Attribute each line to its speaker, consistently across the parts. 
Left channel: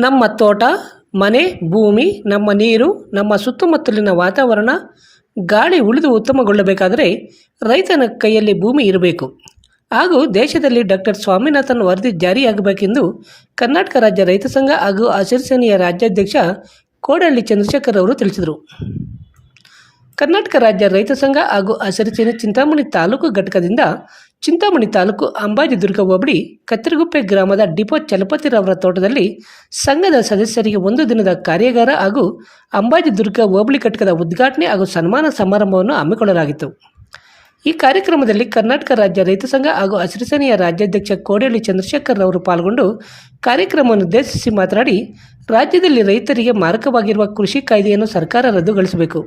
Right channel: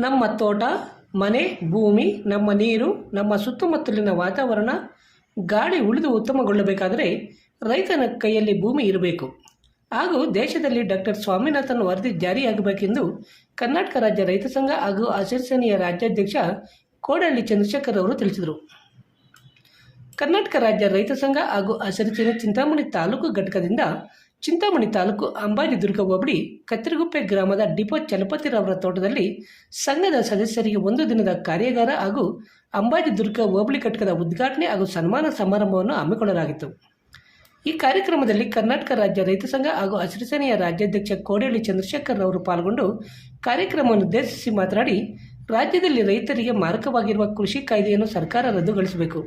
Speaker 1: ನಮ್ಮ ತೋಟ, ಮನೆ, ಭೂಮಿ, ನಮ್ಮ ನೀರು, ನಮ್ಮ ಸುತ್ತಮುತ್ತಲಿನ ವಾತಾವರಣ, ಗಾಳಿ ಉಳಿದು ಉತ್ತಮಗೊಳ್ಳಬೇಕಾದರೆ ರೈತನ ಕೈಯಲ್ಲಿ ಭೂಮಿ ಇರಬೇಕು. ಹಾಗೂ ದೇಶದಲ್ಲಿ ಡಾಕ್ಟರ್ ಸ್ವಾಮಿನಾಥನ್ ವರದಿ ಜಾರಿಯಾಗಬೇಕೆಂದು ಕರ್ನಾಟಕ ರಾಜ್ಯ ರೈತ ಸಂಘ ಹಾಗೂ ಅಸಿರಿಸೇನೆಯ ರಾಜ್ಯಾಧ್ಯಕ್ಷ ಕೋಡಹಳ್ಳಿ ಚಂದ್ರಶೇಖರ್ ಅವರು ತಿಳಿಸಿದರು. ಕರ್ನಾಟಕ ರಾಜ್ಯ ರೈತ ಸಂಘ ಹಾಗೂ ಹಸಿರು ಸೇನೆ ಚಿಂತಾಮಣಿ ತಾಲೂಕು ಘಟಕದಿಂದ ಚಿಂತಾಮಣಿ ತಾಲೂಕು ಅಂಬಾಜಿದುರ್ಗ ಹೋಬಳಿ ಕತ್ತರಗುಪ್ಪೆ ಗ್ರಾಮದ ಡಿಪೋ ಚಲಪತಿರವರ ತೋಟದಲ್ಲಿ ಸಂಘದ ಸದಸ್ಯರಿಗೆ ಒಂದು ದಿನದ ಕಾರ್ಯಾಗಾರ ಹಾಗೂ ಅಂಬಾಜಿದುರ್ಗ ಹೋಬಳಿ ಘಟಕದ ಉದ್ಘಾಟನೆ ಹಾಗೂ ಸನ್ಮಾನ ಸಮಾರಂಭವನ್ನು ಹಮ್ಮಿಕೊಳ್ಳಲಾಗಿತ್ತು. ಈ ಕಾರ್ಯಕ್ರಮದಲ್ಲಿ ಕರ್ನಾಟಕ ರಾಜ್ಯ ರೈತ ಸಂಘ ಹಾಗೂ ಹಸಿರು ರಾಜ್ಯಾಧ್ಯಕ್ಷ ಕೋಡಿಹಳ್ಳಿ ಚಂದ್ರಶೇಖರ್ ಅವರು ಪಾಲ್ಗೊಂಡು ಕಾರ್ಯಕ್ರಮವನ್ನು ಉದ್ದೇಶಿಸಿ ಮಾತನಾಡಿ, ರಾಜ್ಯದಲ್ಲಿ ರೈತರಿಗೆ ಮಾರಕವಾಗಿರುವ ಕೃಷಿ ಕಾಯ್ದೆಯನ್ನು ಸರ್ಕಾರ ರದ್ದುಗೊಳಿಸಬೇಕು.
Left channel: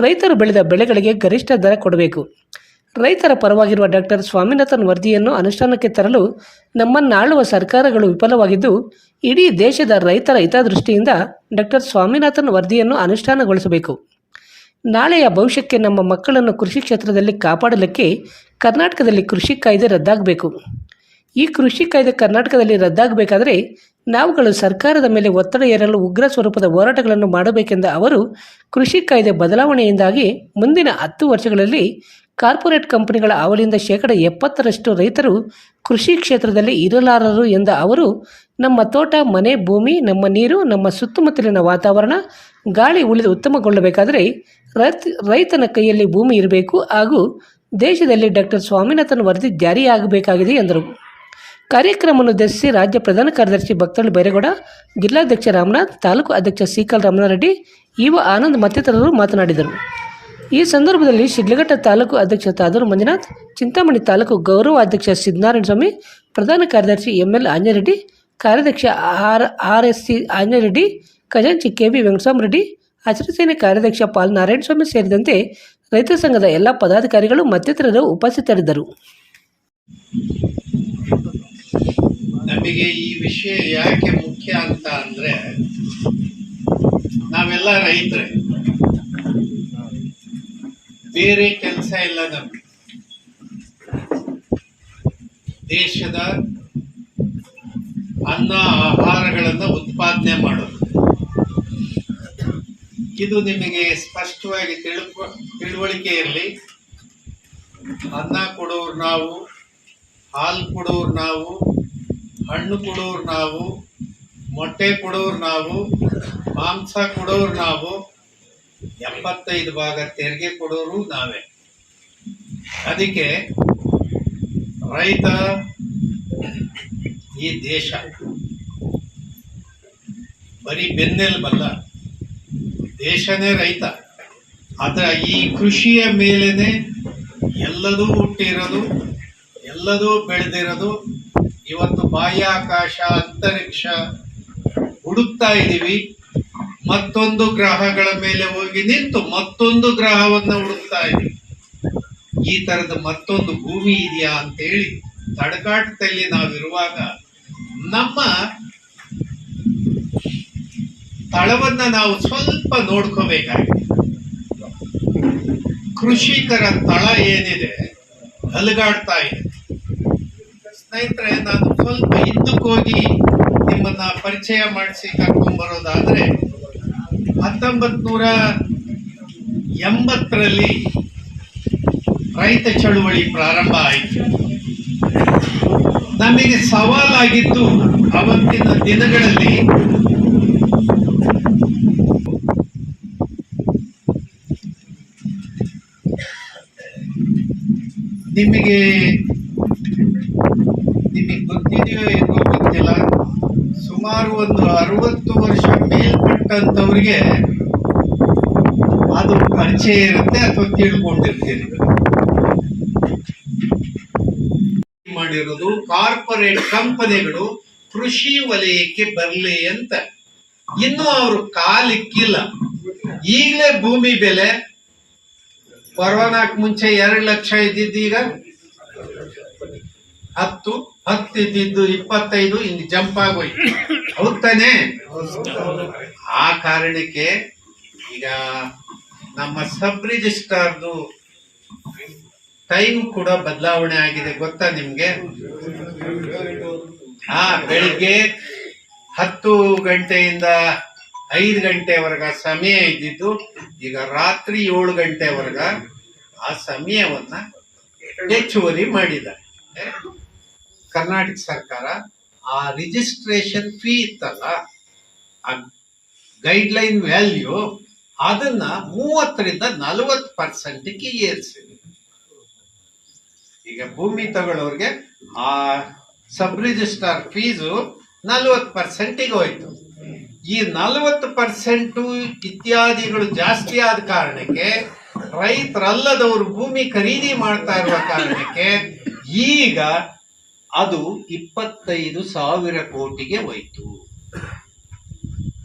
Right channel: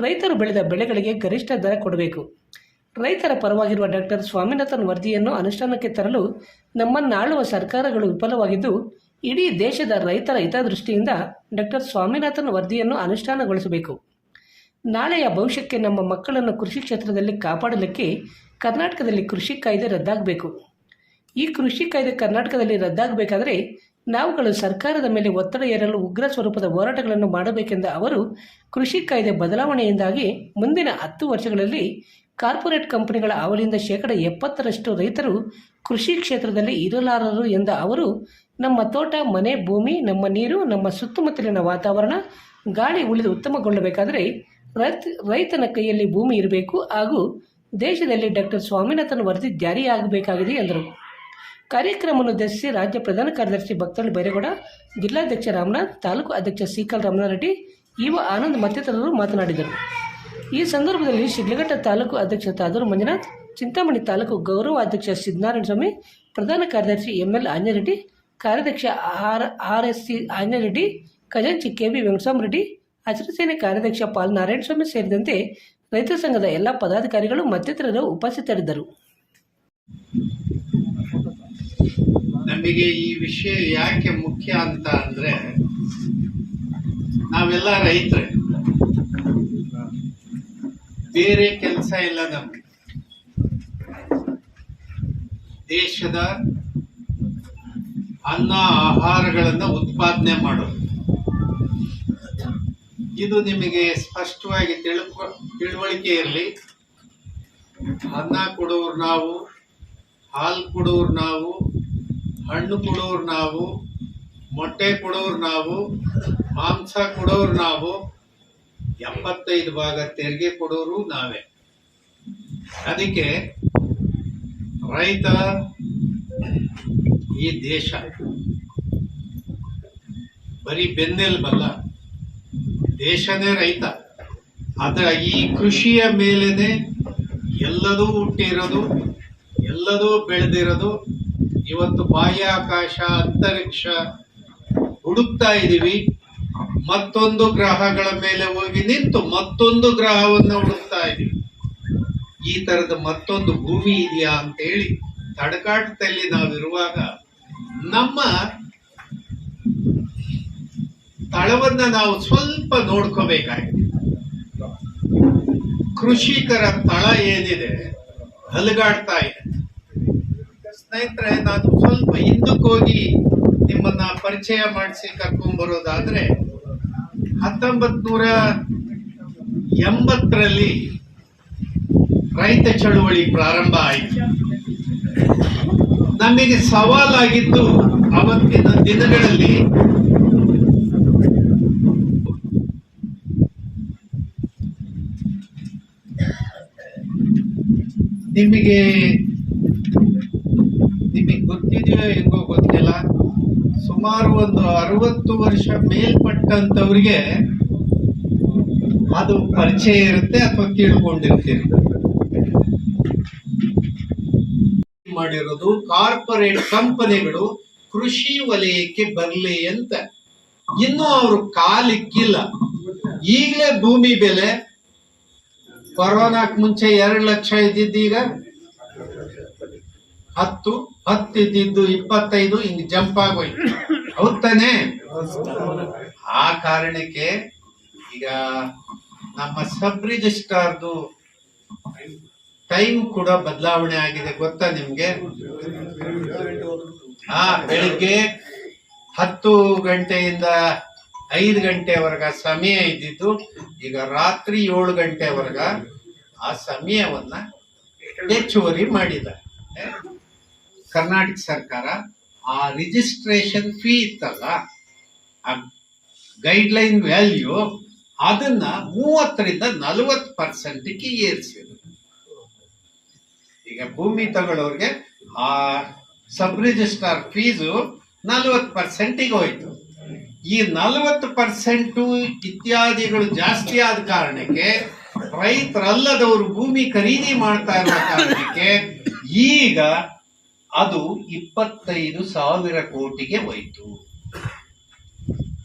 Speaker 1: ರೈತರು ಬೆಳೆದ ಬೆಳೆಗಳಿಗೆ ಗರಿಷ್ಠ ದರ ಕೊಡಬೇಕು. ರೈತರ ಪರವಾಗಿರುವ ಡಾಕ್ಟರ್ ಸ್ವಾಮಿನಾಥನ್ ವರದಿಯನ್ನು ಅನುಷ್ಠಾನಕ್ಕೆ ತರಲು ನಮ್ಮನ್ನಾಳುವ ಸರ್ಕಾರಗಳು ವಿಫಲವಾಗಿದ್ದು, ಇಡೀ ದೇಶದ ರೈತರ ಹಿತದೃಷ್ಟಿಯಿಂದ ಡಾಕ್ಟರ್ ಸ್ವಾಮಿನಾಥನ್ ವರದಿಯನ್ನು ಅನುಷ್ಠಾನಗೊಳಿಸಬೇಕು. ನಾಳೆಯ ಭವಿಷ್ಯಕ್ಕೆ ನಮ್ಮ ಮಕ್ಕಳನ್ನು ಕೃಷಿ ಕ್ಷೇತ್ರದಲ್ಲಿ ಕಾಪಾಡಲಿಕ್ಕೆ ಕರ್ನಾಟಕದಲ್ಲಿ ಕೃಷಿ ಕಾಯ್ದೆ ರದ್ದಾಗಬೇಕು. ಈ ಕೃಷಿ ಕಾಯ್ದೆ ಕರ್ನಾಟಕದಲ್ಲಿ ರದ್ದಾಗಬೇಕಾದರೆ ನಾವುಗಳು ಸರ್ಕಾರದ ಮೇಲೆ ಒತ್ತಡ ಏರಲು ಉಗ್ರ ಸ್ವರೂಪದ ಹೋರಾಟಗಳನ್ನು ಮಾಡಬೇಕೆಂದ ಅವರು ಕೃಷಿ ಕಾಯ್ದೆ ಬದಲಾವಣೆಯಿಂದಾಗಿ ಮುಂದಿನ ಹತ್ತು ವರ್ಷಗಳಲ್ಲಿ ಕಾರ್ಪೊರೇಟ್ ಕಂಪನಿಗಳ ಅವಲಿಯಿಂದ ಶೇಕಡ ಎಪ್ಪತ್ತರಷ್ಟು ರೈತರು ಕೃಷಿ ಕ್ಷೇತ್ರದಲ್ಲಿ ಇರಲಾರರು ಎಂದ ಅವರು, ನಮ್ಮ ತೋಟ, ಮನೆ, ಭೂಮಿ, ನಮ್ಮ ನೀರು, ನಮ್ಮ ಸುತ್ತಮುತ್ತಲಿನ ವಾತಾವರಣ ಗಾಳಿ ಉಳಿದು ಉತ್ತಮಗೊಳ್ಳಬೇಕಾದರೆ ರೈತ, ರೈತನ ಕೈಯಲ್ಲಿ ಭೂಮಿ ಇರಬೇಕು ಹಾಗೂ ದೇಶದಲ್ಲಿ ಡಾಕ್ಟರ್ ಸ್ವಾಮಿನಾಥನ್ ವರದಿ ಜಾರಿಯಾಗಬೇಕಾಗಿದೆ ಎಂದರು. ಕಾರ್ಯಕ್ರಮವನ್ನು ಉದ್ದೇಶಿಸಿ ರಾಜ್ಯ ಪ್ರಧಾನ ಕಾರ್ಯದರ್ಶಿ ಭಕ್ತಳ್ಳಿ ಬೈರೇಗೌಡ, ಜಿಲ್ಲಾಧ್ಯಕ್ಷ ರಾಮನಾಥ್, ತಾಲೂಕು ಅಧ್ಯಕ್ಷ ಸಿಕಲ್ ರಮಣಾರೆಡ್ಡಿ ಇವ ಆನಂದ್ ಮತ್ತಿತರರು ಮಾತನಾಡಿದರು. ಈ ಸಂದರ್ಭದಲ್ಲಿ ಶಿಡ್ಲಘಟ್ಟ ತಾಲೂಕು ಅಧ್ಯಕ್ಷ ತಾದೂರು ಮಂಜುನಾಥ್, ಚಿಂತಾಮಣಿ ತಾಲೂಕು ಗೌರವ ಅಧ್ಯಕ್ಷ ಸ್ವಾಮಿ, ಪ್ರಧಾನ ಕಾರ್ಯದರ್ಶಿ ಎಂ ಎಲ್ ಆಂಜರೆಡ್ಡಿ ಕಾರ್ಯಾಧ್ಯಕ್ಷ R R S C Anjareddy ಖಜಾಂಚಿ ಕೆ ಬಿ ವೆಂಕಟಸ್ವಾಮರೆಡ್ಡಿ ಹಸಿರು ಕಾರ್ಯಾಧ್ಯಕ್ಷ ಪಾಲ್ ನಾರಾಯಣಸ್ವಾಮಿ ಸೇರಿದಂತೆ ರೈತ ಸಂಘದ ಎಲ್ಲ ಪದಾಧಿಕಾರಿಗಳು ಮತ್ತಿತರರು ಉಪಸ್ಥಿತರಿದ್ದರು.
Speaker 2: ನಮಗೆ ಈ ವಿಷಯ ಯಾಕೆ ಮುಖ್ಯ ಅಂತ ಅಂದರೆ, ನಾವೆಲ್ಲ ರೈತರೇ. ಬೇರೆ ಕೆಲಸ ಇಲ್ಲ ನಮಗೆ. ದೇಶದ ಅನ್ನ ಆಹಾರಗಳನ್ನು ಉತ್ಪಾದನೆ ಮಾಡೋದು. ಇದು ನಿಮಗೆ ಸ್ಪಷ್ಟವಾಗಿ ತಿಳ್ಕೊ ತಿಳುವಳಿಕೆ ಅನ್ನ ಕೊಡೋರು ನಾವು ಹಾಲು ಕೊಡೋರು ನಾವು, ಹಣ್ಣು ಕೊಡೋರು ನಾವು, ಮೊಟ್ಟೆ ಕೊಡೋರು ನಾವು, ಮಾಂಸ ಕೊಡೋರು ನಾವು ಎಪ್ಪತ್ತೈದು ಭಾಗ ತೆರಿಗೆ ಕೊಡೋರು ನಾವೇ. ಅದಕ್ಕೆ ರೈತ, ಈ ದೇಶ ಬರೀ ಬೆನ್ನೆಲುಬಲ್ಲ ದೇಶನೇ ರೈತ. ಅದರ ಈ ಕೃಷಿಯ ಮೇಲೇ ಎಲ್ಲದೂ ಹುಟ್ಟಿರೋದು ಎಲ್ಲದೂ ಬೆಳೆದಿರೋದು ಇವತ್ತು ಬಾಹ್ಯಾಕಾಶ ಅಂತರಿಕ್ಷ ಹುಡುಕ್ತಾ ಇದ್ದೀವಿ ಮತ್ತೊಂದು ಗ್ರಹಗಳ ಮೇಲೆ ಹೋಗಿ ನಿಂತು ಮತ್ತೊಂದು ಗ್ರಹವನ್ನು ಹುಡುಕ್ತಾ ಇದ್ದೀವಿ ಈ ತರದ ಮತ್ತೊಂದು ಭೂಮಿ ಇದೆಯಾ ಅಂತೇಳಿ ತಡಕಾಟದಲ್ಲಿ ನಾವಿರುವಾಗ ನಮ್ಮ ತಳವನ್ನ ನಾವು ಸ್ವಲ್ಪ ನೋಡ್ಕೋಬೇಕಾಗಿದೆ. ಕೃಷಿಕರ ತಳ ಏನಿದೆ ಅಲುಗಾಡ್ತಾ ಇದೆ. ಸ್ನೇಹಿತರೆ, ನಾನು ಸ್ವಲ್ಪ ಹಿಂದಕ್ಕೆ ಹೋಗಿ ನಿಮ್ಮನ್ನ ಪರಿಚಯ ಮಾಡಿಸಿ ಕರ್ಕೊಂಡ್ ಬರೋದಾದ್ರೆ ಹತ್ತೊಂಬತ್ ನೂರ ಎಂಬತ್ತರಲ್ಲಿ ರೈತ ಚಳುವಳಿ ಪ್ರಾರಂಭ ಆಯಿತು. ನಮಗೆ ಸವಾಲಾಗಿದ್ದು ಅವತ್ತಿನ ದಿನಗಳಲ್ಲಿ ನಿಮಗೆ ಗೊತ್ತಿದೆಯೋ ಏನೋ ಗೊತ್ತಿಲ್ಲ. ಸುಮಾರು ಒಂದು ಅರವತ್ತು ವರ್ಷ ಮೇಲ್ಪಟ್ಟಂಥವ್ರಿಗೆ ಅದು ಪರಿಚಯ ಇರುತ್ತೆ ಅಥವಾ ತಿಳ್ಕೊಂಡಿರ್ತೀರಿ. ಮಾಡಿರೋದು ಕಾರ್ಪೊರೇಟ್ ಕಂಪನಿಗಳು ಕೃಷಿ ವಲಯಕ್ಕೆ ಬರಲಿ ಅಂತ. ಇನ್ನೂ ಅವರು ಕಾಲಿಕ್ಕಿಲ್ಲ. ಈಗಲೇ ಭೂಮಿ ಬೆಲೆ ಕೊರೋನಾಕ್ ಮುಂಚೆ ಎರಡು ಲಕ್ಷ ಇದ್ದಿದ್ದೀಗ ಹತ್ತು. ಹತ್ತು ಇದ್ದಿದ್ದು ಇಪ್ಪತ್ತೈದು ಹಿಂಗ್ ಜಂಪ್ ಆಗೋಯ್ತು ಹೌದ್ ತಾನೇ ಆ ಕಾರಣಕ್ಕೆ ಈಗ ನಮ್ಮ ಸಬ್ ರಿಜಿಸ್ಟ್ರಾರ್ದು ಟೈಮ್ ಕೂಡ ಬದಲಾವಣೆ ಆಗಿದೆ, ಗೊತ್ತಾ ನಿಮ್ಗೆ? ಹಾ, ಬೆಳಿಗ್ಗೆ ಹತ್ತು ಗಂಟೆಯಿಂದ ಐದು ಗಂಟೆವರೆಗ ಸಮಯ ಇದ್ದಿದ್ದು, ಈಗ ರಾತ್ರಿ ಏಳು ಗಂಟೆವರೆಗ ಆ ಸಮಯವನ್ನ ಹೆಚ್ಚುವರಿ ಮಾಡಿದ್ದಾರೆ. ಕರ್ನಾಟಕ ಸರ್ಕಾರ ಆ ರಿಜಿಸ್ಟ್ರೇಷನ್ ಫೀ ಇತ್ತಲ್ಲ, ಆ ಗೈಡ್ಲೈನ್ ವ್ಯಾಲ್ಯೂ ಅದನ್ನ ಮೂವತ್ತರಿಂದ ನಲವತ್ತು ಪರ್ಸೆಂಟ್ಗೆ ಏರಿಸಿದ್ರು. ಈಗ ಭೂಮಿ ತಗೊಳ್ಳೋರಿಗೆ ಆ ಸಬ್ ರಿಜಿಸ್ಟ್ರಾರ್ ಫೀಸು ನಲವತ್ತು ಪರ್ಸೆಂಟಿಗೆ ಹೋಯ್ತು. ಈ ನಲವತ್ತು ಪರ್ಸೆಂಟು ಇತ್ಯಾದಿಗಳು ಜಾಸ್ತಿ ಆದ ಕಾರಣಕ್ಕೆ ರೈತರಲ್ಲದವರು ಭೂಮಿ ಖರೀದಿ ಮಾಡ್ತಾ ಇರುವ ಕಾರಣಕ್ಕೆ ಈಗ ಅದು ಇಪ್ಪತ್ತೈದು ಸಾವಿರ ಕೋಟಿಗೆ ಹೋಯ್ತು.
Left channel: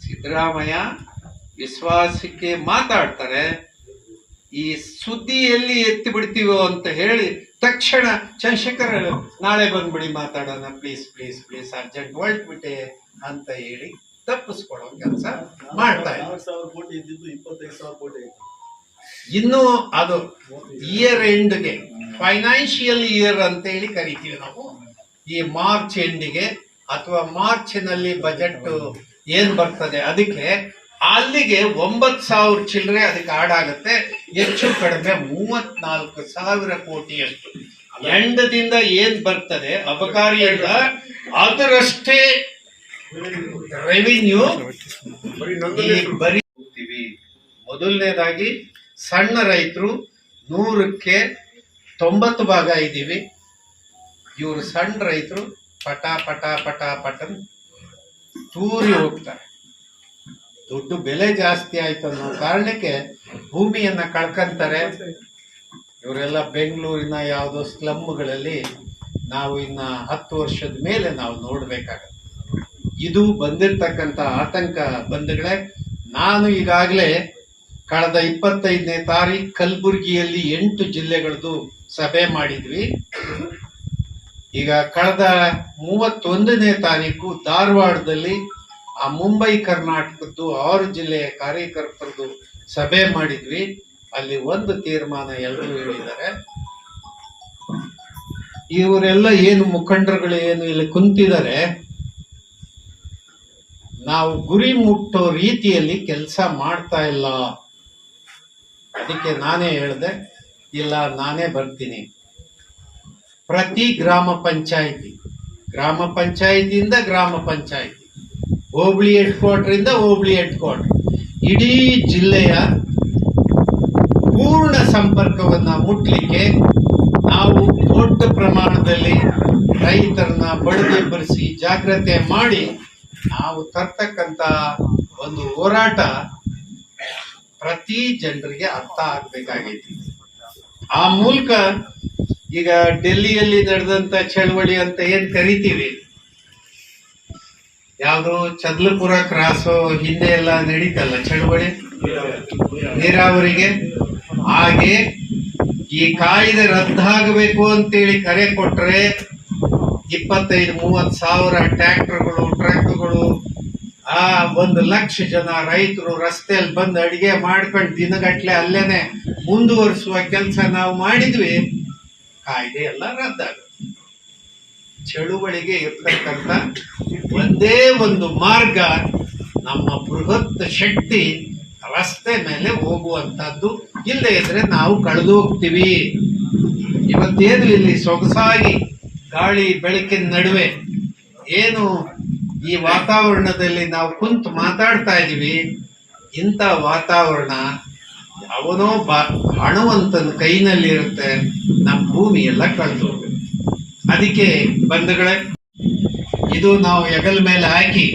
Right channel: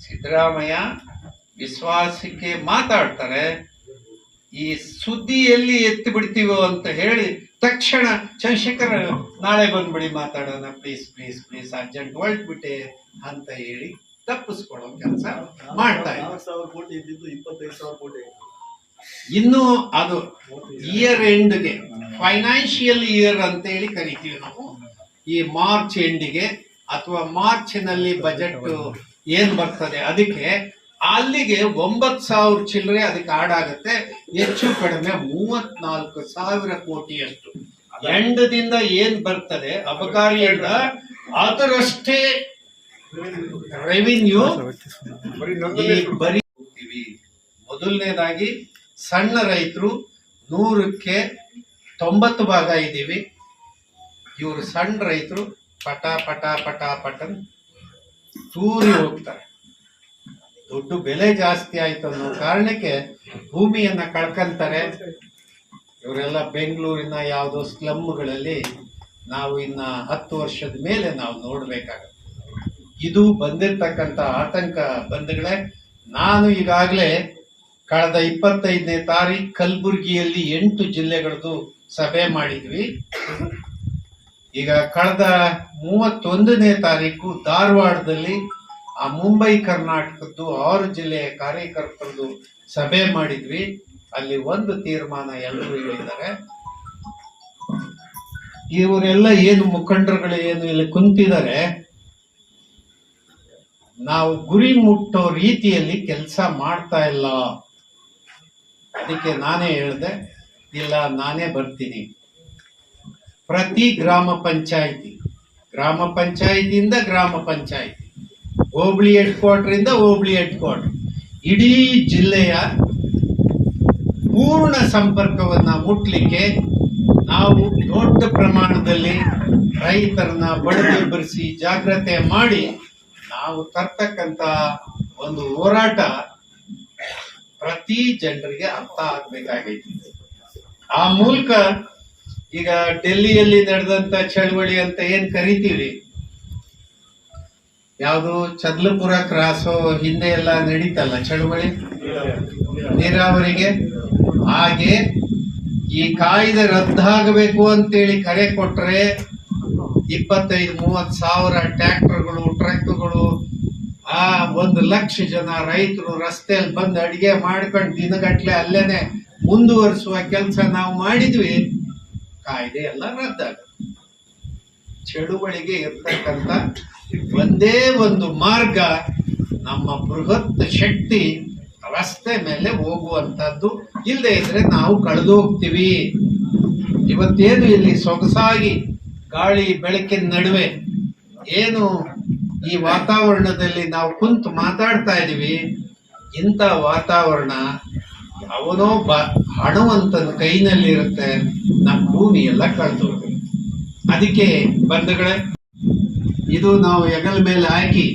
Speaker 2: ಸಿದ್ದರಾಮಯ್ಯ ವಿಶ್ವಾಸಕ್ಕೆ ಮಾತಾಡ್ತಾರೆ ಈ ಸುದ್ದಿ ಎಲ್ಲಿ ಎತ್ತಿ ಬಿಡ್ತೀವೋ ಅಂತ ಹೇಳಿ ತಕ್ಷಣ ಚಂದ್ರಶೇಖರ್ ನಾಳೆ ಬಂದ್ಬಿಡಿ ಮಾತಾಡೋಣ ಪ್ಲೀಸ್ ಪ್ಲೀಸ್ ಪ್ಲೀಸ್ ಅರ್ಜೆಂಟ್ ಹೊರಟ್ಬಿಟ್ಟೆ ಅಂತ ಹೇಳಿ ತಪ್ಪಿಸ್ಕೊಳ್ಳೋ ಕೆಲಸ ಮಾಡ್ತಾ ಇದ್ದಾರೆ. ಇನ್ನು ಅದು ಇಯರ್ ಎಂಡ್ಗೆ ಫೈನಾನ್ಷಿಯಲ್ ಇಯರ್ ಅಂತ ಹೇಳಿ ಕರಿತೀವಿ ನಾವು. ಈ ಮಾರ್ಚ್ ಎಂಡಿಗೆ ಅಥವಾ ಮಾರ್ಚ್ನಲ್ಲಿ ಬಜೆಟ್ ಏನ್ ಬರ್ತದೆ ಅದಕ್ಕೆ ಅಲ್ಲಿಗೆ ಒಂಬತ್ ಸಾವಿರ ಚಿಲ್ಲರೆ ಅದಕ್ಕೆ ಆಡಾಗುತ್ತೆ ಹೆಚ್ಚು ಕಡಿಮೆ ಮೂವತ್ನಾಲ್ಕು ಸಾವಿರ ಕೋಟಿಯಷ್ಟು. ಎಂಡದಿಂದ ಏನ್ ಬರ್ತದೆ ಅಬಕಾರಿ ಎಂಡ ಅದರಷ್ಟೇ ರೆವಿನ್ಯೂ ಬರೀ ಮೊದಲನೇದಾಗಿ ಸಣ್ಣ ರೈತರು ನೂರಕ್ಕೆ ತೊಂಬತ್ತು ಭಾಗ ಇದ್ದೀವಿ. ಇವರು ಸಣ್ಣ ರೈತರು ಪಟ ಪಟ ಪಟ ಪಟನ್ ತೂರಿ ಹೋಗ್ತಾರೆ. ದುಡ್ಡು ಬೆಲೆ ಜಾಸ್ತಿ ಆಯ್ತು ಅನ್ನೋ ಕಾರಣಕ್ಕೆ ಭೂಮಿಯನ್ನ ಕಳ್ಕಂತಾರೆ. ಇವರೆಲ್ಲ ಬೆಂಗಳೂರಿನ ಯಾವುದೋ ಸ್ಲಮ್ಗಳಲ್ಲಿ ನಾವು ಇನ್ನ ಹತ್ತು ವರ್ಷದ ಮೇಲೆ ನಾವು ನೋಡ್ಬೇಕಾಗತ್ತೆ. ಇದು ಬಂದಿರ್ತಕ್ಕಂಥ ಆತಂಕ ಬಂಧುಗಳೇ, ನಾನು ಈಗಾಗಲೇ ಕಳೆದ ಇಪ್ಪತ್ತೈದನೇ ತಾರೀಕು ಕಲಬುರಗಿಯಲ್ಲಿ ಎಂಟು ಜಿಲ್ಲೆಗಳದ್ದು ಸಭೆ ಮಾಡಿದ್ವಿ. ಈಗ ಕಳೆದ ಮೂವತ್ತೊಂದನೇ ತಾರೀಕು ಧಾರವಾಡದಲ್ಲಿ ಆ ಮುಂಬೈ ಕರ್ನಾಟಕದ್ದು ಆರು ಜಿಲ್ಲೆಯ ಕಾರ್ಯಕರ್ತರದ್ದು ಸಭೆ ಮಾಡಿದ್ವಿ. ಅಲ್ಲಿ ಒಂದು ತೀರ್ಮಾನ ಎಲ್ಲರೂ ಹೇಳಿದ್ದಾರೆ. ಇವರೆಲ್ಲ ಏನು ಮುಖಂಡರುಗಳು ಏನು ಇಲ್ಲಿ ಕುಂತಿದ್ದಾರೆ, ನಾವು ಗುರಿ ಮುಟ್ಟೋ ರೀತಿಯಲ್ಲಿ ಕೆಲಸ ಮಾಡ್ತಾ ಇಲ್ಲ. ಅದಕ್ಕೆ ನಾನೇ ಹೇಳಿದೆ, ಇಲ್ಲ, ನಾನೇ ಬರ್ತೀನಿ. ಪ್ರತಿ ಗ್ರಾಮ ಪಂಚಾಯಿತಿ, ಗ್ರಾಮ ಪಂಚಾಯಿತಿಯಿಂದ ಗ್ರಾಮ ಪಂಚಾಯಿತಿ, ಹೋಬಳಿ ಹೆಡ್ ಕ್ವಾರ್ಟರ್ ಇಂದ ಹೋಬಳಿ ಹೆಡ್ ಕ್ವಾರ್ಟರ್ ಇಡೀ ಜಿಲ್ಲೆಯ ಪೂರ್ಣ ಸಂಪರ್ಕವನ್ನ ಮುಟ್ಲಿಕ್ಕೆ ನಾವು ದೊಡ್ಡ ಪ್ರಮಾಣದಲ್ಲಿ ರೈತರನ್ನ ಬಡಿದೆಬ್ಬರಿಸಿ ಜಾಗ್ರತೆ ಮಾಡಿ, ನಾವು ತರ್ತಕ್ಕಂಥ ಒಂದು ಹೋರಾಟ ಪ್ರತಿ ಜನರಿಗೆ ಅರ್ಥ ಆಗ್ಬೇಕಾಗೈತಿ. ಆ ಮೂಲಕ ಈಗ ಡೆಲ್ಲಿಯಲ್ಲಿ ನಡೆದಂತ ಚಳವಳಿ ಅಂತ ಏನ್ ಕರಿತೀವಿ? ಯಾವುದು ಚದ್ಲಪುರ ಕ್ರಾಸು ಹಿಂದೆ ಎಲ್ಲ ನಡೀತಲ್ಲ ಚಳವಳಿ? ನೀರಾವರಿಗೆ? ಹಾಗೆ ಈ ಕಾಯ್ದೆ ರದ್ದಾಗಬೇಕು ಅಂತೇಳಿ ಕರೆ ಕೊಟ್ರೆ ಇಪ್ಪತ್ತೈದು ಮೂವತ್ ಸಾವಿರ ಟ್ರ್ಯಾಕ್ಟರ್ಗಳು ಟ್ರಕ್ಗಳು ಆ ಒಂದು ಲಕ್ಷ ಜನ ರೈತರು ರಸ್ತೆಯಲ್ಲಿ ಬಂದು ಅಡಿಗೆ ಮಾಡ್ಕೊಂಡು ದಿನಗಟ್ಲೆ ಅಲ್ಲೇನೆ ಮುಂದುವರಿಸುವ ಕೆಲಸ ನಾವು ಮಾಡಿದ್ವಿ. ಕಾಯ್ದೆ ಎಲ್ಲ ರದ್ದಾಗುತ್ತೆ ಚಳುವಳಿಗೆ ಇರ್ತಕ್ಕಂಥ ಒಂದೇ ಒಂದು ಮಾರ್ಗ ನಮ್ಮ ಬೃಹತ್ ಶಕ್ತಿ ರಸ್ತೆ ಮೇಲೆ ಹೋಗುವಂತದ್ದು ಇಲ್ಲದೆ ಇದ್ರೆ ನಾವು ಕಳೆದು ಹೋಗ್ತೀವಿ. ಇವತ್ತೇನು ಇಲ್ಲಿ ಸೊಗಸಾಗಿ ಗಾಳಿ ಬೆಳಕಿನ ನಡುವೆ ಏನು ಈ ವಾತಾವರಣದಲ್ಲಿ ನಾವು ಕುಂತು ಮಾತಾಡ್ತಾ ಇದೀವಿ. ಇಂಥ ವಾತಾವರಣ ಯಾವನೋ ಬಾ, ಹಣವಂತನ ಕೈನಲ್ಲಿ ಇರುತ್ತೆ ನಮ್ಮ ಭೂಮಿ ಎಲ್ಲ ಕಳೆದು ಅದಕ್ಕೆ ಬಂಧುಗಳೇ, ಇದು ನಾವು ಹೆಗಲ ಮೇಲೆ ಹಾಕಿ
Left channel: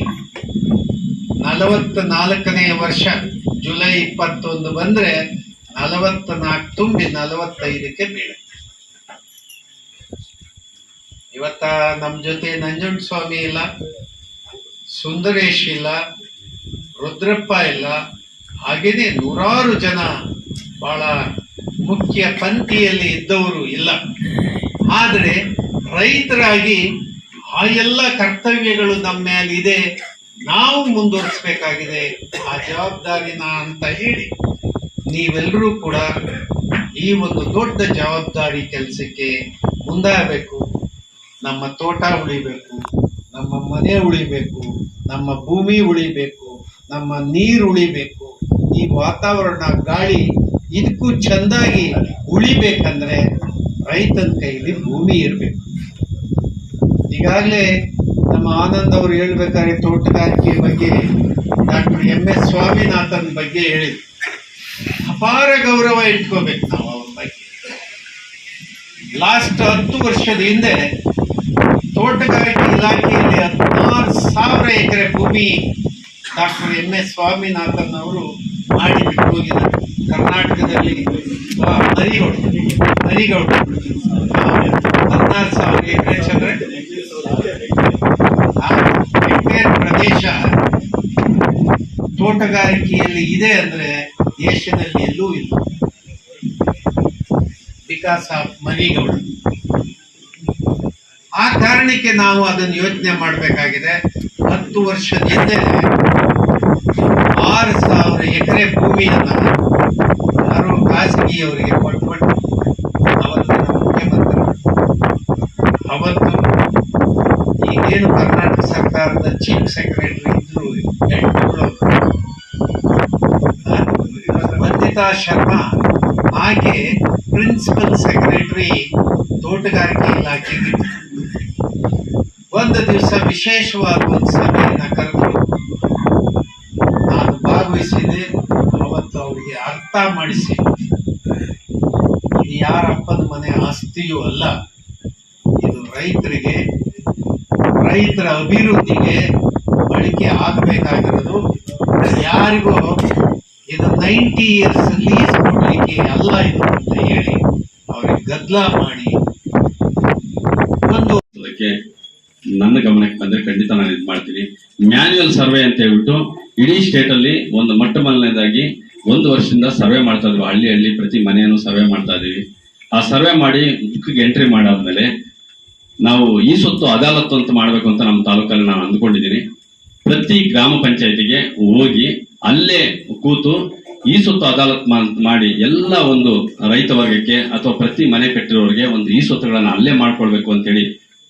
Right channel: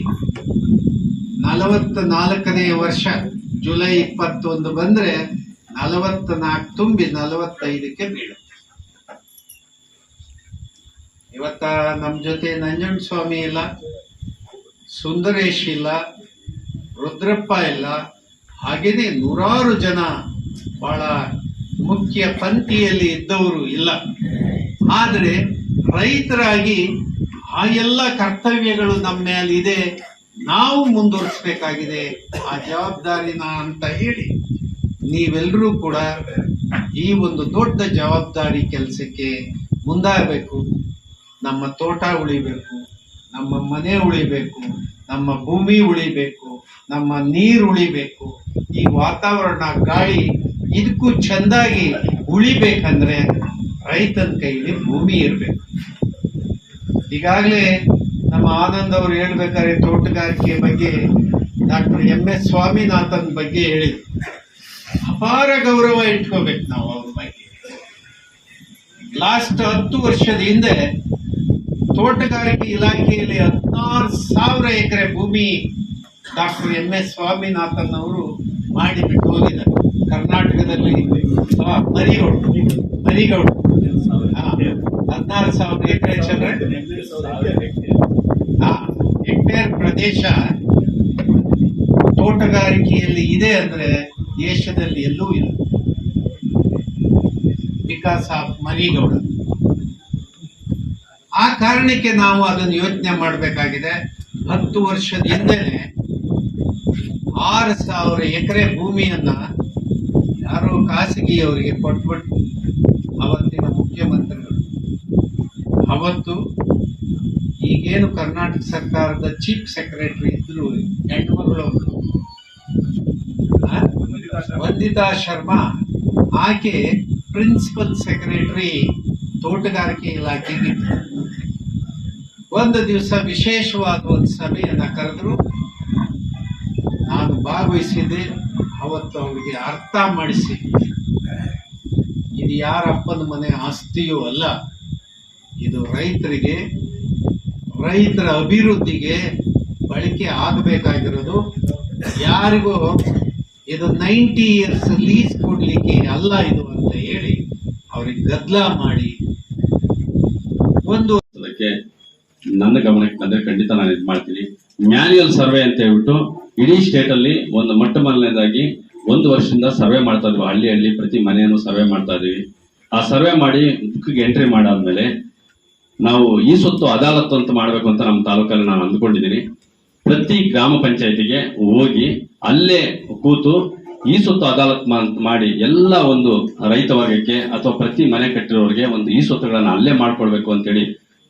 Speaker 2: ನಲವತ್ತ ನಾಲ್ಕನೇ ವರ್ಷ ಜುಲೈ ಇಪ್ಪತ್ತೊಂದು ಬಂದ್ರೆ ನಲವತ್ತ ನಾಲ್ಕು ತುಂಬಿ ನಲವತ್ತೈದಕ್ಕೆ ಬೀಳುತ್ತೆ. ಇವತ್ತ ನಮ್ಮ ಜೊತೆ ನಂಜುಂಡ ಸ್ವಾಮಿ ಇಲ್ಲ? ಸುಂದರೇಶ್ ಇಲ್ಲ ರುದ್ರಪ್ಪ ಇಲ್ಲ. ಹಾಗೆಯೇ ನೂರಾರು ಜನ ಬಹಳ ಮುಖ್ಯ ಪಂಕ್ತಿಯಲ್ಲಿ ಇದ್ದವರು ಇಲ್ಲ. ಆದರೆ ರೈತರಾಗಿ ಆ ಎಲ್ಲ ಕರ್ತವ್ಯಗಳು ನಮ್ಮ ಮೇಲಿದೆ ನಾವು ಮುಂದುವರಿಸಬೇಕಾಗಿದೆ, ಆ ಜವಾಬ್ದಾರಿನ ಅಂತ ಹೇಳಿ ನೀವೆಲ್ಲರೂ ಕೂಡ ಈ ಒಂದು ದೊಡ್ಡ ಜವಾಬ್ದಾರಿ ಕೆಲಸಕ್ಕೆ ಮುಂದಾಗಬೇಕು. ನಮ್ಮ ತೋಟ ಉಳಿಬೇಕು. ನಮ್ಮ ಮನೆ ಉಳಿಬೇಕು, ನಮ್ಮ ಭೂಮಿ ಉಳಿಬೇಕು, ನಮ್ಮ ನೀರು ಉಳಿಬೇಕು, ಈ ವಾತಾವರಣ, ಗಾಳಿ ಇದಕ್ಕೂ ಚೆಂದಾಗಿ ಉಳಿಬೇಕಂದ್ರೆ ರೈತನ ಕೈಲಿ ಭೂಮಿ ಇರಬೇಕು. ಈಗಾಗಲೇ ನಮ್ಮ ಆನಂದ್ ಅವರು ಹೇಳ್ಬೇಕಾದ್ರೆ ತೋಟಗಾರಿಕೆ ಬಗ್ಗೆ ಡಾಕ್ಟರ್ ಎಂ ಎಸ್ ಸ್ವಾಮಿನಾಥನ್ ಬಗ್ಗೆ ಹೇಳಿದ್ರು. ಅಪಾರ ಗೌರವ ಇಟ್ಕೋಬೇಕು ನಾವು ಅವ್ರ ಬಗ್ಗೆ. ಲಾಸ್ಟ್ ಹತ್ತು ವರ್ಷದ ಹಿಂದೆ ತೋಟಗಾರಿಕೆ ಇಲಾಖೆಯಲ್ಲಿ ಹದಿನಾರು ಸಾವಿರ ಎಕರೆ ಭೂಮಿ ಡಾಕ್ಟರ್ ಎಂ ಎಸ್ ಸ್ವಾಮಿನಾಥನ್ ಅವರು ಮಾಡಿ ಬಿಟ್ಟು ಹೋಗಿದ್ದಾರೆ ಕರ್ನಾಟಕದಲ್ಲಿ ನರಿ ನರಿಗೌಡ ನರಿಗೌಡ ಹದಿನಾರು ಸಾವಿರ ಎಕರೆ ಚಂದ್ರೆ. ಹೆಕ್ಟೇರ್ ಪ್ರದೇಶ ತೋಟಗಾರಿಕೆಯಲ್ಲಿ ಇದೆ ಅಂದ್ರೆ ದೇಶದಲ್ಲಿ ಎಲ್ಲೂ ಇಲ್ಲ. Because of Marigowda. ಕಾರಣಕ್ಕೆ ನಾವು ಅದನ್ನು ಯೋಚನೆ ಮಾಡಬೇಕಾಗಿದೆ. ಹತ್ತು ವರ್ಷದ ಹಿಂದೆ ಆರು ಸಾವಿರ ಎಕರೆ ಭೂಮಿಯನ್ನು ಯಾರು ಖಾಸಗಿಯವರಿಗೆ ಕೊಟ್ಬಿಟ್ಟು ಅವತ್ತಿನ ಮುಖ್ಯಮಂತ್ರಿ. ಅವತ್ತು ಈಗೇನು ಕರ್ನಾಟಕ ಸರ್ಕಾರದ ಚೀಫ್ ಸೆಕ್ರೆಟರಿ ಇದ್ದರು ವಂದಿತಾ ಶರ್ಮಾ ಆಕೆ ಪ್ರಿನ್ಸಿಪಲ್ ಸೆಕ್ರೆಟರಿ ತೋಟಗಾರಿಕೆ ಇಲಾಖೆಗೆ. ಒಂದು ದಿವಸ ವಿಶೇಷವಾದ ಒಂದು ಸಭೆಯನ್ನು ಕರೆದು ನಾನು ಭಾಗವಹಿಸಿದೆ. ಅವತ್ತು ಅವರಿಗೆ ಅರ್ಥ ಮಾಡಿಸಿ. ಇದು ಯಾರಪ್ಪನ ಮನೆ ಆಸ್ತಿಯೂ ಅಲ್ಲ. ಇದು ರೈತರಿಗೆ, ರೈತರ ಅಭಿವೃದ್ಧಿಗೆ ಬಳಕೆ ಆಗಬೇಕಾಗಿರೋದು. ಯಾರಿಗೂ ಇದು ನೈಂಟಿ ಇಯರ್ಸ್ ಲೀಸ್ ಕೊಡಲಿಕ್ಕೆ ಅಲ್ಲ ಇದು ಅಂತ ಹೇಳಿ ಅವ್ರಿಗೆ ಗದ್ದಲ ಮಾಡಿ ಒಂದು
Speaker 3: ನನ್ನ ಗಮನಕ್ಕೆ ಬಂದ್ರೆ ಖಂಡಿತ ನಾನು ಇದು ಮಾಡ್ತೀನಿ. ಮ್ಯಾನ್ಯುಯಲ್ ಸರ್ವೆ ಅಂತ ಹೇಳ್ಬಿಟ್ಟು ಇಡೀ ಸ್ಟೇಟ್ ಅಲ್ಲಿ ಒಂದು ಮೊಟ್ಟ ಮೊದಲನೇದಾಗಿ ಒಂದು ವರ್ಷದಿಂದ ಸರ್ವೆ ಮಾಡ್ತಾ ಇದ್ವಿ. ಹಳ್ಳಿ ಹಳ್ಳಿ ಪ್ರತಿ ಮನೆಯನ್ನು ಸರ್ವೆ ಮಾಡ್ತಾ ಇದೀವಿ ಆ ಸರ್ವೆ ಮಾಡಿ ಬುಕ್ಗೆ ಎಂಟ್ರಿ ಮಾಡಾದ್ಮೇಲೆ ನಾವು ಈ ಸೊತ್ತು ಅದಾಲತ್ತು ಅಂತ ಮಾಡಬೇಕು ಅಂತ ನಮ್ಮ ತಾಲೂಕಲ್ಲಿ ನಾನು ಅಂದ್ಕೊಂಡಿದ್ದೀನಿ. ಪ್ರತಿ ಗ್ರಾಮ ಪಂಚಾಯತಿಗೆ ಹೋಗಿ ಅಲ್ಲೇ ಕೂತು ಈ ಸೊತ್ತು ಅದಾಲತ್ ಮಾಡಿ ಎಲ್ಲ ಒಂದು ರೈತ ವರ್ಗಕ್ಕೆ ಅಥವಾ ಪ್ರತಿ ಮನೆ ಕಟ್ಟಿರೋರಿಗೆ ಒಂದು ಈ ಸೊತ್ತುಗಳನ್ನ ಅಲ್ಲೇ ಮಾಡ್ಕೊಳ್ಬೇಕು ಅಂತೇಳಿ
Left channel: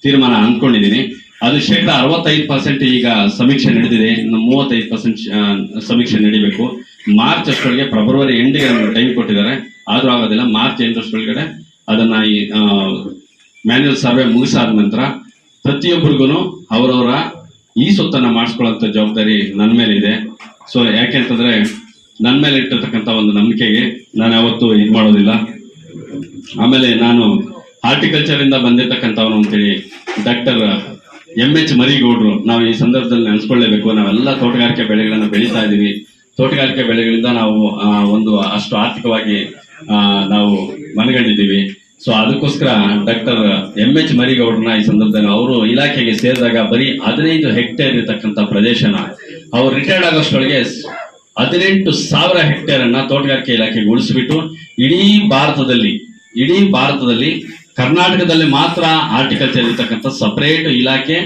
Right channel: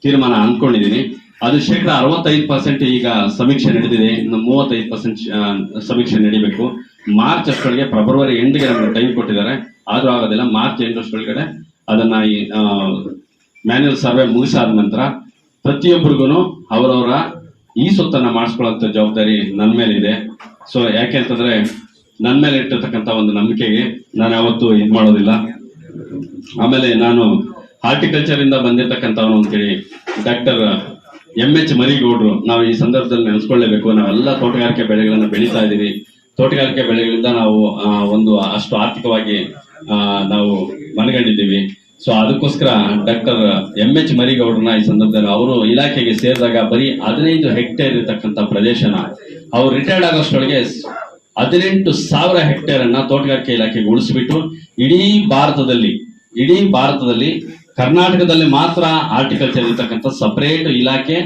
Speaker 3: ತೀರ್ಮಾನ ಅಂದ್ಕೊಂಡಿದ್ದೀನಿ ಅದು ಶೇಕಡ ಅರವತ್ತೈದು ಪರ್ಸೆಂಟ್ ಈಗ ಸಮೀಕ್ಷೆ ನಡೆದಿದೆ. ಇನ್ನು ಮೂವತ್ತೈದು ಪರ್ಸೆಂಟ್ ಸಮೀಕ್ಷೆ ನಡಿಬೇಕು. ಮಾರ್ಚ್ ಅಷ್ಟೊಳಗೆ ಫೆಬ್ರವರಿ ಎಂಡಿಗೆ ನಮ್ಗೆ ಟೈಮ್ ಕೊಟ್ಟಿದ್ದಾರೆ. ಆದರೂ ಆಗೋದಿಲ್ಲ. ಮಾರ್ಚ್ ಎಂಟರಷ್ಟೊಳಗಡೆ ಅದನ್ನ ಈ ಮ್ಯಾನ್ಯಲ್ ಸರ್ವೆ ಮುಗಿಸಾದ ನಂತರ ಪ್ರತಿಯೊಬ್ಬರಿಗೂ ಅವರವರ ಈ ಸೊತ್ತನ್ನು ಮಾಡಿಸ್ಕೊಳ್ಳೋಂಥ ಜವಾಬ್ದಾರಿ ನನ್ನ ಮೇಲೆ ಇದೆ ಸೊ ಯಾಕೆ ಅಂತಂದ್ರೆ ನನ್ನ ಮೇಲೆ ಇಟ್ಟಿರ್ತಕ್ಕಂಥ ಒಂದು ನಂಬಿಕೆಗೆ ನಾನು ಯಾವತ್ತೂ ಇದು ಮಾಡೋದಿಲ್ಲ. ಆಮೇಲೆ ನಾನು ಹಾರ್ಟಿಕಲ್ಚರ್ ಇಂದ ಬಂದಿರತಕ್ಕಂಥವ್ರು ಅಂತೇಳಿ ಡಾಕ್ಟರ್ ಎಂ ಎಚ್ ಮರಿಗೌಡ್ರು, ನಾವು ಈ ಸಂದರ್ಭದಲ್ಲಿ ನೆನೆಸ್ಕೊಳ್ಳೇಬೇಕು. ನಾವೆಲ್ಲ ತೋಟಗಾರಿಕೆ ಬೆಳೆಗಳನ್ನು ಬೆಳೀತಾ ಇದ್ದೀವಿ ತೋಟಗಾರಿಕೆ ಬೆಳೆಗಳಿಂದ ನಾವು ಒಂದು, ಅಷ್ಟು ಆರ್ಥಿಕವಾಗಿ ನಾವು ಮನಗಂಡಿದ್ದೀವಿ. ಸೊ ಅದಕ್ಕೋಸ್ಕರ ಡಾಕ್ಟರ್ ಎಂ ಎಚ್ ಮರಿಗೌಡ್ರನ್ನ ಈ ಸಂದರ್ಭದಲ್ಲಿ ಅವರು ಇಲಾಖೆಗೆ ಸೇರಿದಾಗ ಬರೀ ಹದಿನೈದು ಹೆಕ್ಟೇರ್ ಇರತಕ್ಕಂಥ ಪ್ರದೇಶನ, ಅವ್ರು ರಿಟೈರ್ಡ್ ಆಗೋಷ್ಟೊಳಗೆ ಹದಿನೆಂಟು ಸಾವಿರ ಹೆಕ್ಟೇರ್ ಅನ್ನ ತೋಟಗಾರಿಕೆ ಇಲಾಖೆಗೆ ಉಳಿಸಿಬಿಟ್ಟು, ಇಡೀ ಭಾರತದಲ್ಲಿ ಇಡೀ ಭಾರತದಲ್ಲಿ ಕರ್ನಾಟಕದಲ್ಲಿ ಮಾತ್ರ ಆರ್ಟಿಕಲ್ಚರ್ ಇರ್ತಕ್ಕಂಥ ಸಪರೇಟ್ ಇಲಾಖೆ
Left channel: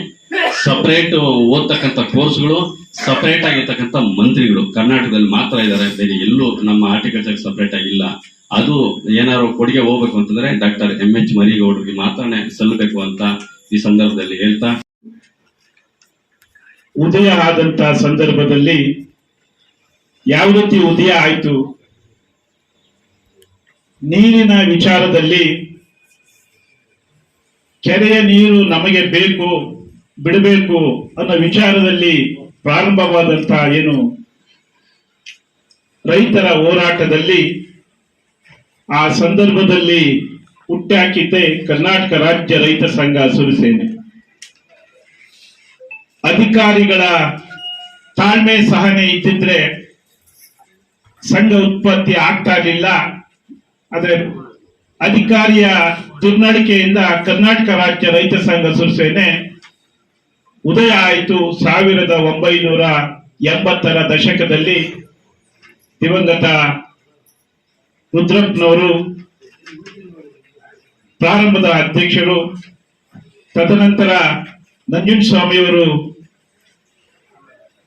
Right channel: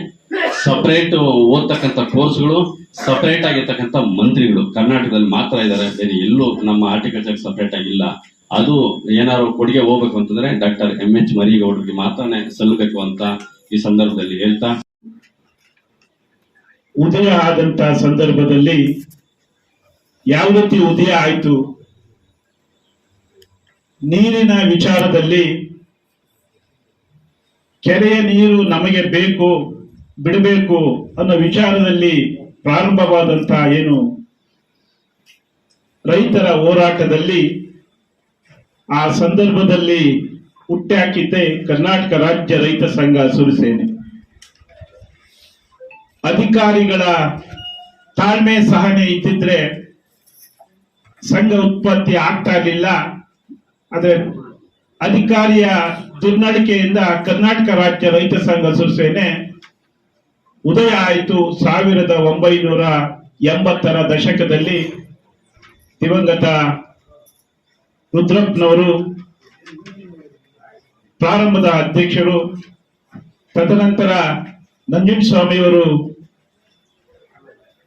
Speaker 3: ಸಪರೇಟ್ ಓದ್ತಕ್ಕಂಥ ಕೋರ್ಸ್ಗಳು ಸಪರೇಟ್ ಆಗಿರ್ತಕ್ಕಂಥ ಮಂತ್ರಿಗಳು ಕರ್ನಾಟಕದಲ್ಲಿ ಮಾತ್ರ ಇದ್ದಾರೆ. ಬೇರೆ ಎಲ್ಲೂ ನಮ್ಮ ಆರ್ಟಿಕಲ್ಚರ್ ಸಪರೇಟ್ ಆಗಿಲ್ಲ. ಅದು ಏನಾದ್ರು ಕೊಡುಗೆ ಹೋಗ್ಬೇಕು ಅಂತಂದ್ರೆ ಡಾಕ್ಟರ್ ಎಂ ಎಚ್ ಮರಿಗೌಡರಿಗೆ ಮಾತ್ರನೇ ಸಲ್ಲಬೇಕು ಅಂತ ಈ ಸಂದರ್ಭದಲ್ಲಿ ಹೇಳ್ತಾ.
Speaker 4: ಉದಯ ಆದಂತ ಸಂದರ್ಭದಲ್ಲಿ ಯಾವ ರೀತಿ ಉದಯ ಆಯಿತು? ನೀರಿನ ವಿಚಾರದಲ್ಲಿ ಕೆರೆಯ ನೀರು ನಮಗೆ ಬೇಕು, ಬಿಡಬೇಕು ಅನ್ನೋ ವಿಚಾರದಲ್ಲಿ ಪ್ರಾರಂಭವಾದಂತ ಏನು ರೈತರ ಹೋರಾಟದಲ್ಲಿ ಆ ಸಂದರ್ಭದಲ್ಲಿ ಹುಟ್ಟಾಕಿದ್ದೆ ಕರ್ನಾಟಕ ರಾಜ್ಯ ರೈತ ಸಂಘ ಸುರಸೇನೆ. ಅಧಿಕಾರಿಗಳ ತಾಳ್ಮೆ ಸಹನೆ ಇದ್ದಿದ್ರೆ ಸಂಘ ಉತ್ಪತ್ತಿ ಆಗ್ತಾ ಇರಲಿಲ್ಲ. ಆದರೆ ಅಧಿಕಾರಿಯ ದುರ್ನಡಿಕೆಯಿಂದ ಕರ್ನಾಟಕ ರಾಜ್ಯ ರೈತ ಸಂಘ ಸುರಸೇನೆ ಉದಯ ಆಯಿತು ಸಾವಿರದ ಒಂಬೈನೂರ ಎಂಬತ್ತರ ದಶಕದಲ್ಲಿ ದಿವಂಗತ ರುದ್ರಪ್ಪನವರು ಪ್ರಾರಂಭದ ಅಧ್ಯಕ್ಷರು. ತದನಂತರ ನಂಜುಂಡಸ್ವಾಮಿಯವರು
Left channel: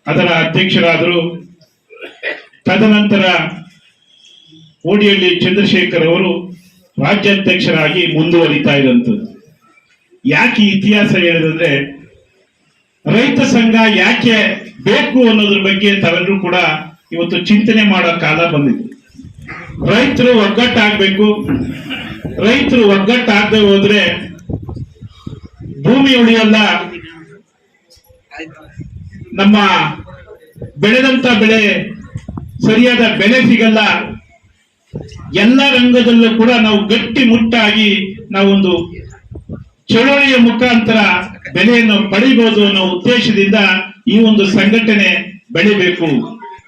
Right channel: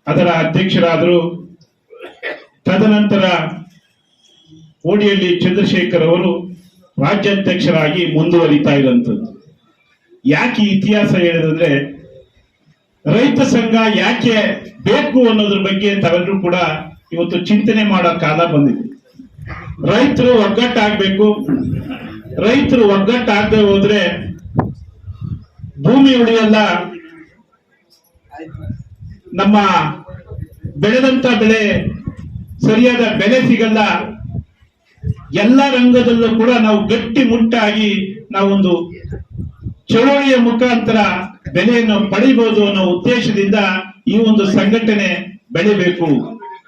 Speaker 4: ಅದರ ಅಧ್ಯಕ್ಷರಾದರು. ತದನಂತರ ಓಡಿಯಲ್ಲಿ ಚಂದ್ರಶೇಖರ್ ಅವರು ರಾಜ್ಯಾಧ್ಯಕ್ಷರಾಗಿ ಮುಂದುವರಿತಾ ಇದ್ದಂಥದ್ದು ಯಾಕೆ ಇತಿಹಾಸ ಹೇಳಿದ್ರೆ ರೈತ ಸಂಘ ಯಾಕೆ ಬೇಕು ಅನ್ನೋದ್ರ ಬಗ್ಗೆ ತಾವೆಲ್ಲರೂ ಕೂಡ ಇವತ್ತು ಚಿಂತನೆ ಮಾಡೋ ಕಾಲ ಬಂದಿದೆ. ರೈತರು ಒಗ್ಗಟ್ಟಾಗಬೇಕು. ರೈತರು ಒಗ್ಗಟ್ಟಾಗದೆ ಹೋದ್ರೆ ಭೂಮಿ ಉಳಿಯಲ್ಲ. ನಮ್ಮ ಬೆಳೆದಂತ ಬೆಳೆ ಸರಿಯಾದ ಬೆಲೆ ಸಿಗಲ್ಲ. ಎಲ್ಲ ರಂಗದಲ್ಲೂ ಕೂಡ ನಾವು ಗಟ್ಟಿ ಮುಟ್ಟಾಗಿ ನಾವೊಂದು ಚಳುವಳಿಯ ಮುಖಾಂತರ ಬೆಲೆಯನ್ನು ಪಡಿಬಹುದು ಅನ್ನೋ ಉದ್ದೇಶದಿಂದ ಈ ಒಂದು ಸಂಘಟನೆ ಬೆಳಿಬೇಕು.